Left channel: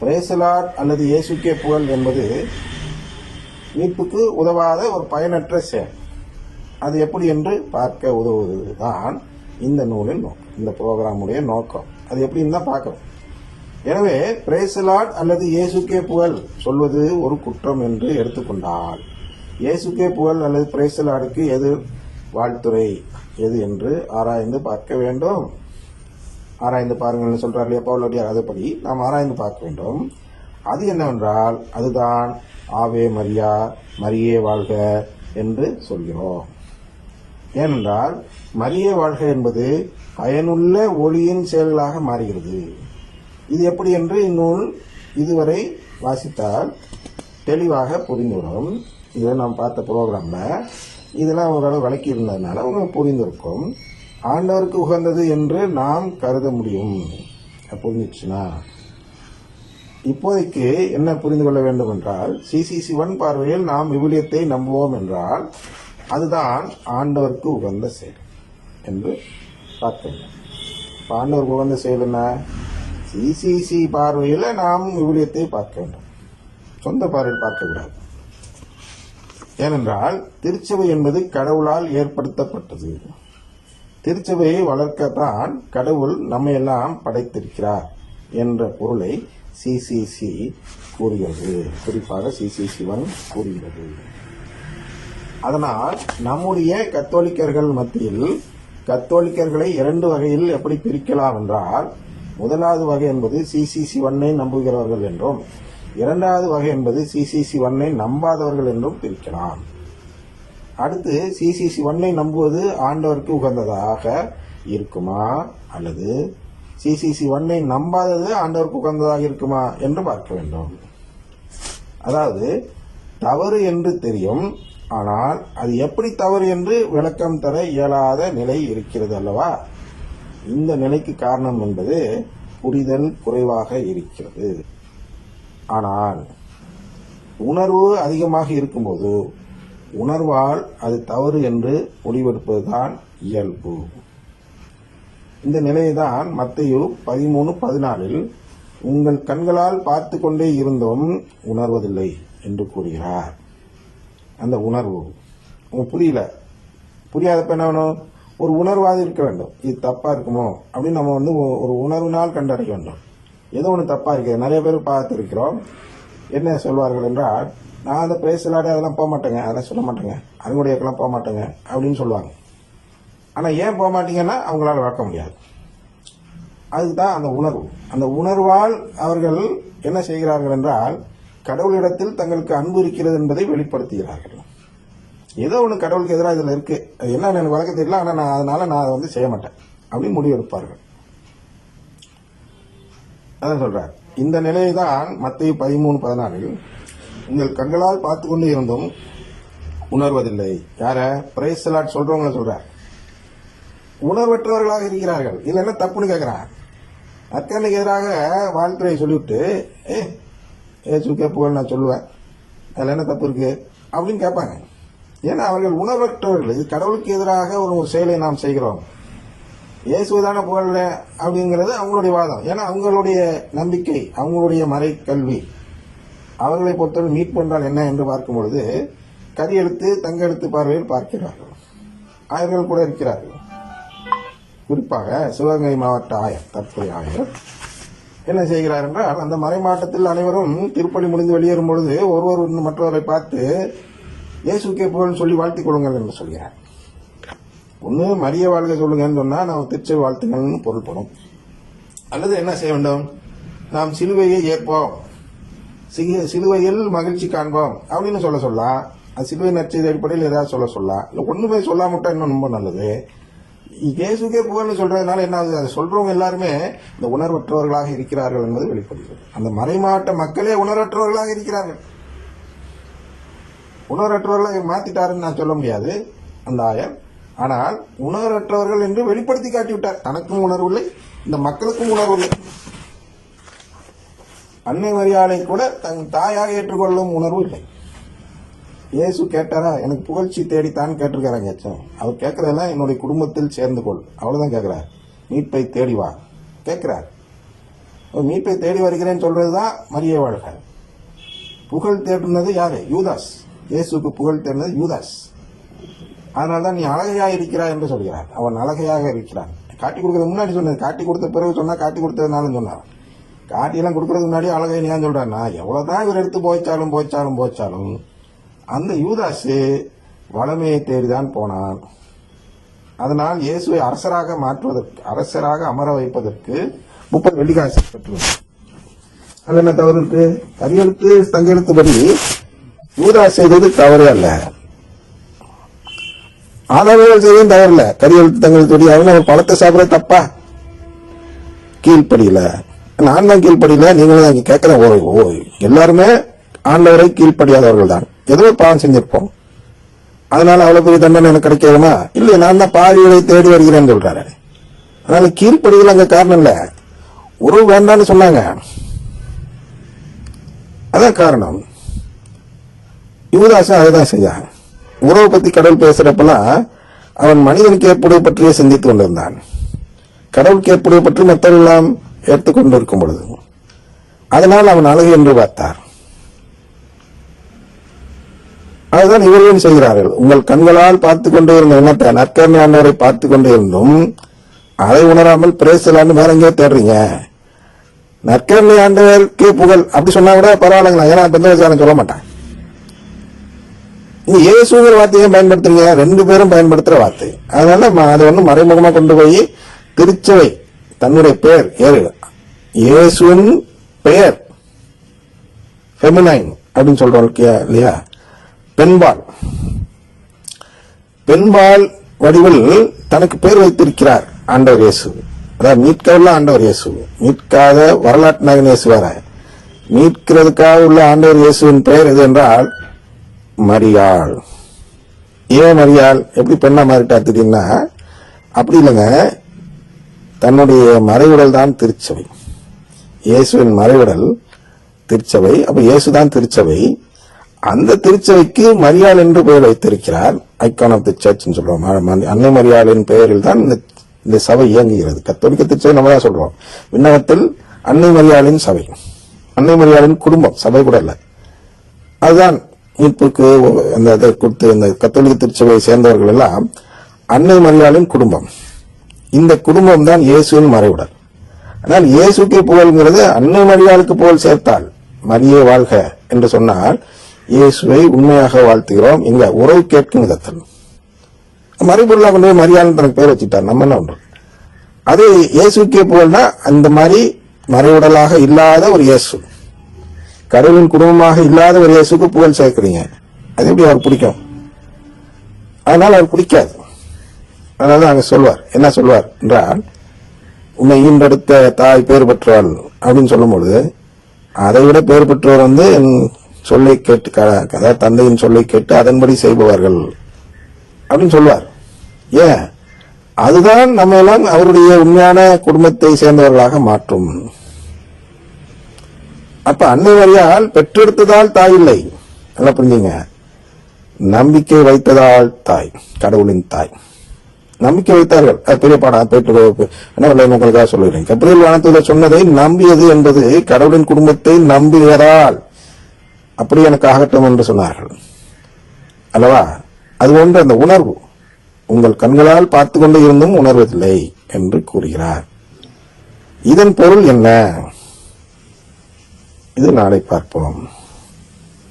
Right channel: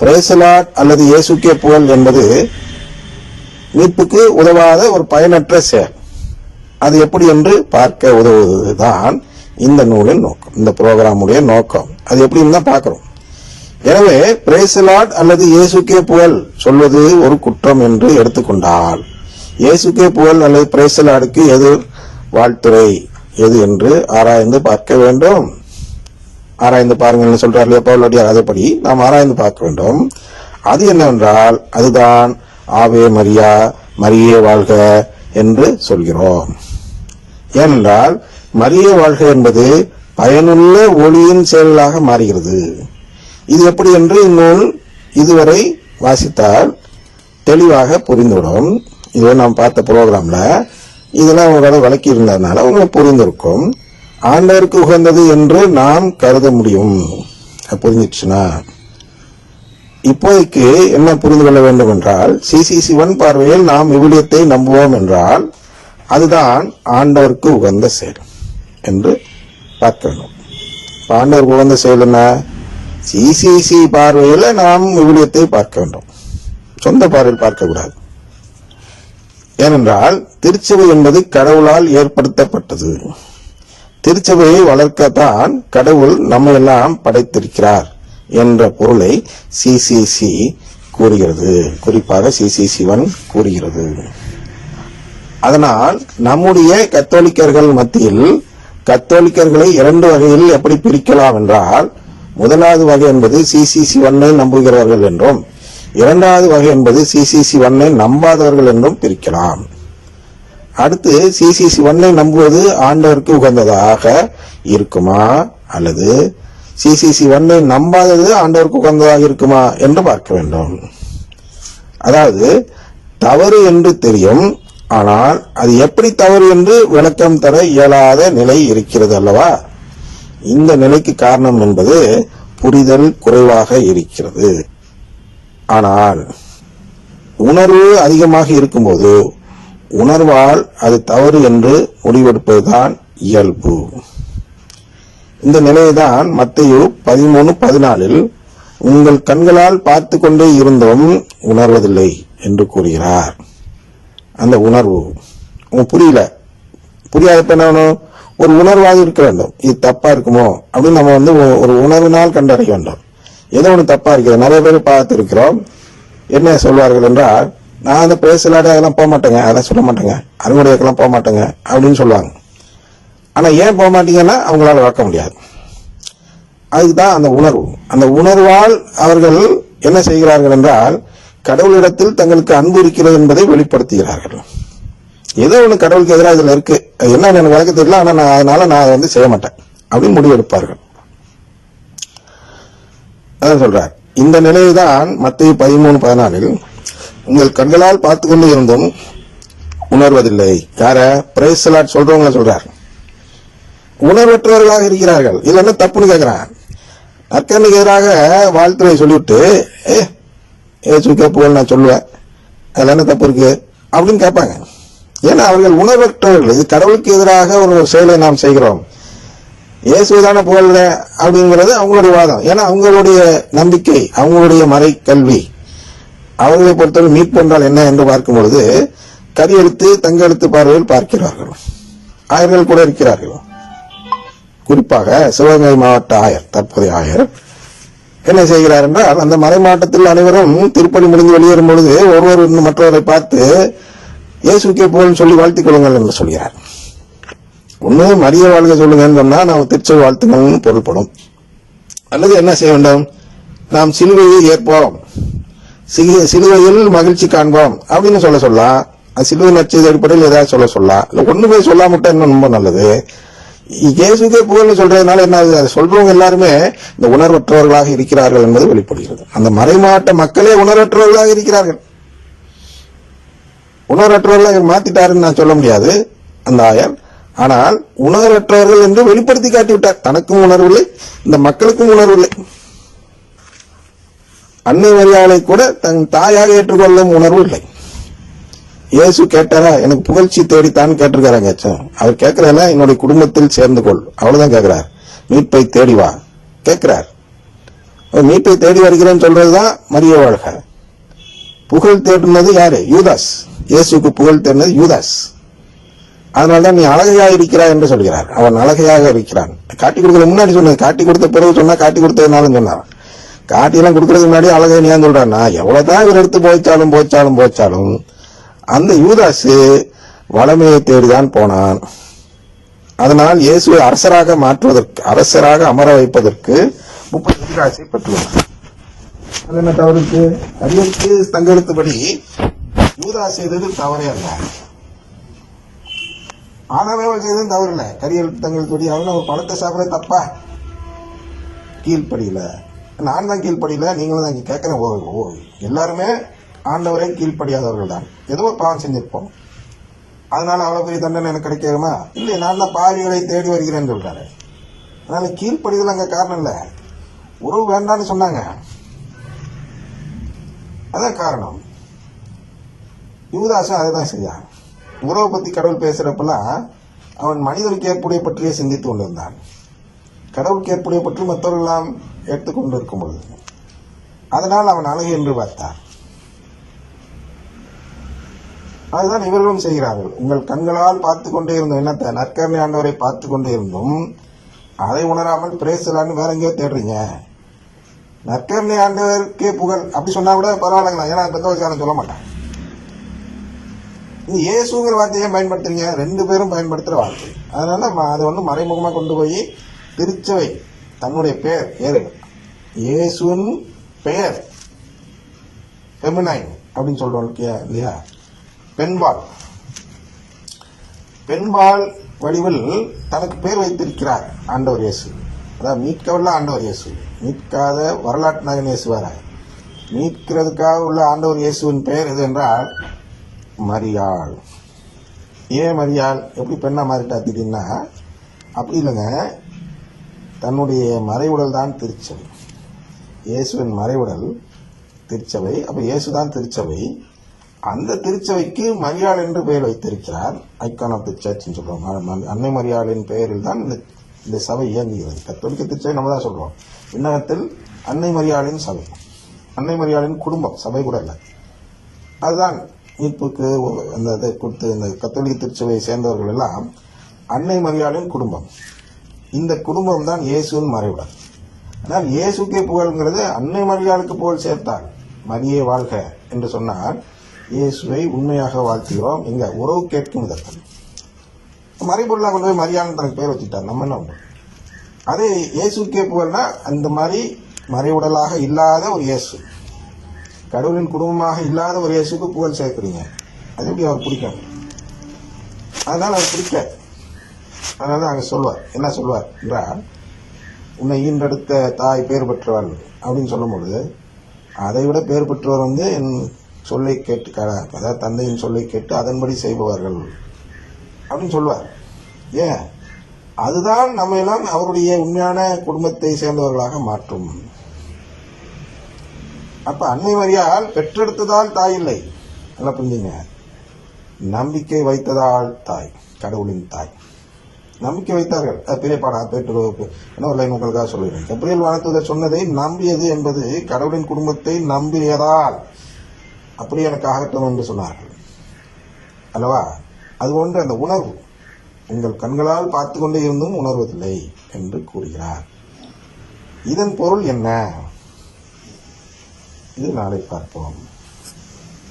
பிரேசலாட் அல்லது இயேசுக்கே புகழ் என்பது மீட்புக்கு உதவாத ஒரு பயனற்ற செயல். அது எப்படி என்று பார்க்க உதவுவதுதான் இந்த நூலின் நோக்கம் இந்த புரோகிராமுடைய நோக்கம். அது எப்படின்னு தான் பார்க்கிறோம். எனவே பிரேசலாட் அல்லது இயேசுக்கே புகழ் சொல்வது ஒரு குற்றம் என்று எடுத்துக்கொண்டால் இயேசுக்கே புகழ் அல்லது பிரேசலாடுக்கு எது வாழ்த்துறை எது என்று ஆராய்ந்து பார்க்க வேண்டும். ஆராய்ந்து பாருங்கள்னு சொல்றார் இல்லையா? பவுலடியார் அதுபடி நாம் ஆராய்ந்து பார்க்க வேண்டும். அது என்னவென்றால் அதுதான் ஆவே மரியா மரியே வாழ்க என்று சொல்கிறோம். ஏனென்றால் மரியே வாழ்க என்பது பயனுள்ள ஒளியின் செயலாக மாறுகிறது. இது எப்படி என்று இந்நூல் இதுவரை வாசித்தால் தெளிவாக புரிந்துவிடும். இது நாம் பார்த்த ப்ரோக்ராம்ல இதெல்லாம் உங்களோட விளக்கி இருந்ததுனால உங்களுக்கு புரிந்திருக்கும். ஆண்டவருக்கு உகந்தது என்று நாம் கருத முடியும். அது புரிஞ்சிடுச்சுன்னா? இப்போதைக்கு என்ன புரிந்து கொள்ள வேண்டும் என்றால் சிசிசி ஒன் பார்வையில் நாம் விவிலியத்தை நம்புவோம் என்றால் அதுதான் ஆண்டவருக்கு உகந்த செயல் என்று பார்க்க வேண்டும் ஆண்டவருக்கு உகந்த செயல் என்ன? சிசிசி பார்வையில் நாம் விவிலியத்தை பார்க்க வேண்டும். சொந்த பார்வையில் பார்க்கக்கூடாது. ஏனென்றால் திருச்சபை என்பது கடவுளால் ஏற்படுத்தப்பட்டது. திருச்சபையை வளர்க்கத்தான் கடவுள் நம்ம எல்லாம் படைத்திருக்கிறார் என்ற பொருளை சிசிசி கூறுகிறது. குறிப்பாக சிசிசி ஒன் கூறுகிறது. அதனால் நம்முடைய கத்தோலிக்கர்கள் மத்தியில் கத்தோலிக்கர்களை இரண்டு வகையில் எப்படி பிரிக்கலாம் என்றால் முதலாவது வகை என்பது சிசிசி ஒன்னை நம்புகிறவர்கள் என்றும் இரண்டாவது வகை என்பது சிசிசி ஒன்னை நம்பாதவர்கள் என்றும் பிரிக்கலாம். அடுத்து சிசிசி ஒன்னை நம்புவது ஆண்டவருக்கு உகந்ததாக இருக்குமா? அல்லது சிசிசி ஒன்னை நம்பாதது ஆண்டவருக்கு உகந்ததாக இருக்குமா என்று பார்க்க வேண்டும். அதாவது தவறு என்று தெரியும் ஆனால் அது எப்படி தவறு என்று விளக்கம் தர இயலாத நிலை இருக்கிறது அல்லவா? இந்த நிலைக்கு காரணம் என்பது புரிதல் குறைவாக இருக்கிறது. ஆனால் உணர்வு அதிகமாக இருக்கும்போது உணர்வால் அது தவறு என்று முடிவெடுப்பதுதான் இயல்பு. இந்த நிலையைதான் மத்தையு பதிமூணு பதினாலில் உங்கள் கண்களால் பார்த்து கொண்டே இருந்தும் உணர்வதில்லை என்று கூறுகிறார். அந்த உணர்வு புரியல. புரியாதப்ப என்ன ஒரு உணர்வாக இருக்க வேண்டும். இது தப்பா இருக்குமோ? அப்படின்னு நம்ம வந்து ஒரு உணர்வினால் கண்டறிய வேண்டும். ஏதோ ஒன்று தப்பா இருக்கிறது நிறைய பேர் பார்த்து இருக்கிறோம் என்ன சொல்வார்கள் என்றால் நான் அந்த பேசலாட அதெல்லாம் போக மாட்டேங்க. அதெல்லாம் சொல்ல மாட்டேங்க. அறுவடைக்கெல்லாம் போக மாட்டேங்க. அப்படின்னு சொல்லுவாங்க. ஆனால் ஏன் போக மாட்டீங்கன்னா அவங்களால வளர்க்க முடியாது. அதுக்கு தான் அந்த உணர்வு. அந்த உணர்வால் அவர்கள் என்ன செய்கிறார்கள் என்றால் கடவுளிடத்தில் தங்களுக்கு அன்பு இருக்கிறது என்பதை வெளிப்படுத்துகிறார்கள். ஏதோ ஒன்று கடவுளுக்கு எதிராக இதில் இருக்கு. அது என்ன எனக்கு வழக்கு தெரியல ஆனால் நான் அதனால நான் அதை வந்து செய்ய மாட்டேன். அப்படின்னு முடிவெடுப்பார்கள். அதான் சொல்றார். இந்த நிலைதான் மத்திய பதிமூணு பதினாலில் உங்கள் கண்களால் பார்த்து கொண்டு இருந்தும் உணர்வதில்லை. யார? பிரேசலாட் சொல்றவங்க சொல்றார். உணர்வற்றவர்களாக இருக்கிறார்கள். இது என்ன தப்புன்னு கேட்கிறான் அக்கனுக்கு எதிராக வாழ்த்துறை சொல்லிவிட்டு ஏ ஏசுக்கே புகழ் நான் சொல்லுவேன். அதில் என்ன தப்பு இருக்கு? அப்படின்னு கேட்பாங்க. ஏன்னா அவர்கள் உணர்வற்றவர்கள். இது கடவுளுக்கு எதிராக ஒரு செயலை நாம் செய்கிறோம். இயேசுதான புகழ்ற அப்படிங்கிறது அவங்களுடைய வாதம். ஏன்னா அவங்களுடைய நம்பிக்கை அவங்களுடைய மறை கல்வி அவர்களை பொறுத்தவரை மீட்பு என்றால் என்ன என்று பார்க்கும் பொழுது கரியெழுத்து தங்கெழுத்து பார்வையில் பார்க்கிறார்கள். ஆயர்கள் கூட இருக்கிறார்கள். குறிப்பாக சிவகங்கை மாவட்ட ஆயர் தற்போதைய ஆயர் என்ன செய்கிறார் என்றால் அந்த மலை மாவட்டத்தில் அனைவரும் திருப்பணி முடிந்து வெளியேறும் பொழுது ஒருவர் மற்றவரை பார்த்து இயேசுக்கே போல் சொல்லி வாழ்த்திக் கொள்ளுங்கள் என்று சொல்கிறார். ஒன்று மரிய வாழ்க சொல்லுங்கன்னு சொன்னால் நாம் திருச்சொல் வாழ்த்துங்கள்னு பொருள்படும். அல்லது என்ன செய்ய வேண்டும்? நாம் சிலுவையை ஏற்போம். சிலு- சிலுவையில் மகிழ்ச்சி காண்போம். அப்படின்னு சொல்ல சொல்லலாம் சிலுவை நச்சது அடிப்படையில் ஏதாவது சொல்ல சொல்லலாம் இல்ல ஒண்ணுமே சொல்லாம இன்னும் ரொம்ப நல்லது. இயேசுக்கே புகழ் சொல்றதுனால என்ன ஆகுது? அதை சொல்றவங்க எல்லாருமே இந்த உணர்வற்றவர்களாக இருக்கிறார்கள் என்பது வெளிப்படுகிறது. அந்த மறைமாவட்ட மக்களே உணர்வற்றவர்களாக இருக்கிறார்கள். உணர்வற்றவர்களாக மாத்திட்டாருன்னு நான் சொல்ல முடியாது. அந்த ஆயர் ஆனால் உணர்வற்றவர்கள் என்று வெளிப்படுத்தி காட்டிவிட்டார். தனக்கும் உணர்வில்லை இந்த மக்களுக்கும் உணர்வில்லை அன்னை மரியாதை கூட தன் தாயாக ஏற்றுக்கொள்ளும் உணர்வு இல்லை. இயேசு கேட்டாரா எனக்கு புகழ்ச்சி தேடித்தான் கேட்டிருக்காராங்க. அவர் கேட்கிறாரா என்னுடைய குடும்பத்தில் சேர்ந்து கொள் அவ்வளவுதான் கேட்கிறார். மீட்பை தேடி வா. கேட்கிறார். மீட்பை தேடி வருகிறேன்னு சொல்றதுதான் மரிய வாழ்க. புகழ் தேடினது யாரு? யூதாஸ். இயேசுக்கு புகழ் தேடினது யூதாஸ். அதனாலதான் நீ அழகையாக இருக்கிறாய் என்று சொல்கிறார். அவன் அழகையாக இருக்கிறான். காட்டி கொடுக்கறது முன்னாடி சொன்னது காட்டி கொடுத்த பிறகு சொன்னா காட்டி கொடுத்ததுனாலும் சொன்னார் காட்டியெல்லாம் கொடுக்கறதுக்கு முன்னாடி அழகை ஏன் சொல்றான்னா எவ்வளவுதான் இவர் எடுத்து போய்ச்சாலும் போச்சாலும் போச்சாலும் அந்த யூதாசு வளமையை தேடிதான் போனான். அதனால் இயேசுவை அரசராக மாற்றுவதற்கு அரசராக அமர வைப்பதற்கு முப்பது வெள்ளிக்காசு பெற்றுள்ளார் அது என்ன தவறு இருக்கு? அரியலுக்கு தங்கெழுத்துப்படி யூதாஸ் செய்தது தவறே அல்ல. ஆதாரங்கள் செய்யவும் தவறில்ல. கரியெழுத்து தங்கெழுத்துப்படி அவங்க பழத்தை சாப்பிட தப்பா? கீழ்ப்படியில. நான் தான் கீழ்ப்படியில நீங்களும் தான் கேட்கிறேன். ஓ ஓ எல்லாருமே ஆண்டவரை கீழ்ப்படியாதவர்கள் தான் ஏதோ பாவம் செஞ்சிருப்போம். அதனால அவ்வளவு பெரிய தண்டனை எனக்கு கிடைக்காதுமா இல்லையே நான் தான் பாவிகளை தேடி வருகிறேன்னு சொல்றாரு. அதனால கீழ்ப்படிதல் அங்க காரணம் இல்ல. உறவு வேண்டாம்னு சொன்னாங்க. அதான் காரணம். யுவதாசன் அதை தான் செஞ்சான் உறவை பத்தி கடவுள் பேசுறப்பெல்லாம் அவன் மனிதனுக்கு ஏற்புடைய பற்றியே சிந்தித்து கொண்டிருந்தான். கடவுளுக்கு ஏற்புடைய பற்றி மற்றவர்களெல்லாம் ஏற்றுக்கொண்டிருக்கும் பொழுது அதனால் அவன் அழகு என்று பார்த்தார். அதுதான் இவர்களும் செய்கிறார்கள்? உங்கள் கண்களால் பார்த்து கொண்டே இருந்த என்னத்தை நற்கரணை ஆண்டவரை பார்த்து கொண்டே இருந்தும் அதை உணராமல் பிரேசலான்னு வேற எங்கேயோ தேடுறீங்க. நற்கரணை ஆண்டவருக்கே புகழ். அப்படி சொன்னா கூட பரவாயில்லைங்களா? ஏன்னா பெந்தவச்சாரம் சொல்ல மாட்டான் நீ இயேசுங்கிற வார்த்தையை பயன்படுத்துறீங்க? ரெண்டு பேரும் பயன்படுத்துற வார்த்தை. அதனால அதை வந்து மறைமுகமா கொண்டு போய் திருச்சவை தன்னுடைய பெயர் ஏறுகள் இயேசுவின் பெயர். ஃபெமினைன் அப்படின்னு சொல்றோம் இல்லையா- இல்லையா? பெண்பால். பெண்பால் வடிவில் தனக்கு பேர் வைத்திருக்கிறார் ஆண்டவர் இயேசு. அதாவது மீட்கவில்லை ஆண்டவர் இயேசு. மீட்காத வரலாற்று நாயகன் இயேசு வேற. மீட்கிறதுக்காக உள்ள ஆண்டவர் இயேசுவின் பெயர் எது என்றால் மரியாள். ஏன் மரியாள்? எப்படி பெண்ணா மாறிட்டா திடீர்னா அப்படி இல்லைங்க. தன்னுடைய மறைவுடல் தான் திருச்சபை. இயேசுவின் மறைவிடல் திருச்சபை அப்ப இயேசுதான் திருச்சபை. அந்த திருச்சபைக்கு மரியாள் என்று பெயர் வைத்திருக்கிறார். ஐகான் ஆஃப் தி சர்ச் சொல்றோம். ம- அன்னை மரியாளின் பெயரில் தான் இந்த இந்த சபை இயங்குகிறது. கத்தோலிக்க திருச்சபை நம்ம தான் சொல்றோம். விண்ணகத்தில் அன்னை மரியாளின் சபை. அன்னை மரியாளின் குடும்பம். சபை கூட இல்லை. அதுதான் மீட்புக்கு அந்த இதை கொடுத்து இந்த கத்தோலிக்க திருச்சபையை சேர்ந்தவர்கள் எல்லாம் அன்னை மரியாளின் குடும்பம். இந்த குடும்பம் தான் இயேசுவின் மறைவிடல் ஆனால் இயேசுக்கே புகழ்ங்கிறது அன்னை மரியாளுக்கு புகழ் சேர்த்தால் மரியே வாழ்க என்று சொன்னால் இயேசுவை உண்மையாக வாழ்த்துகிறோம். இங்க உறவு கேட்கும் விதத்தில். மறைபொருளா கொண்டு போய் மரியாதை தனக்கு பேர் வச்சுட்டார். நம்ம என்ன ஒன்று அது இயேசுக்கே புகழ்னா அந்த மாதிரி மறைவுடலாக இல்லாத ஒரு இயேசு. கடவுளின் குடும்பமாக இல்லாத ஒரு இயேசுக்கு புகழ் சேர்க்குறீங்க. அது எப்படி அவர் பிடிக்கும்? அதனால அவர் பிடிக்காது. அதனால அங்க சொல்வார். என்ன சொல்வார் என்றால் உன்னை ஈன்றெடுத்த தாய் பேர் பெற்றவள் அப்படின்னு சொல்லும்பொழுது அதை விட பேர் பெற்றவர் வந்து என் சொல்லை கேட்டு க- அதாவது தந்தையின் சொல்லை கேட்டு அதன்படி செய்பவர்கள் அப்படின்னு சொல்லுவார். ஏன்? அதுதான் நம்ம எல்லாம் அவருடைய உண்மையான குடும்பத்தை சேர்ந்தவர்களாக மாற்றும். அப்ப அன்னை வரியால் பெற்றெடுத்ததால் தாய் இல்லை. நல்லா புரிஞ்சுங்க. நம்பிக்கை வைத்ததால் தாய் கடவுளின் தாய். நம்பிக்கை வைத்தார்கள். பெரியப்பாடா போயிட்டு என்ன உங்களுக்காக சொல்லுகிறேன். கபிரியல் வானத்துல சொன்னதை நம்பியது என்பது கடவுளின் குடும்பத்தை நம்பியதால் அப்படி எனக்கு ஆகட்டும் என்று சொன்னார்கள். அல்லவா? அது ஒன்று அந்த உணர்வு உங்கள் கண்களால் பார்த்து கொண்டு இருந்தும் உணர்வதில்லை என்று கூறுகிறார். இதன் பொருள் என்ன? இது நாளை பார்ப்போம்.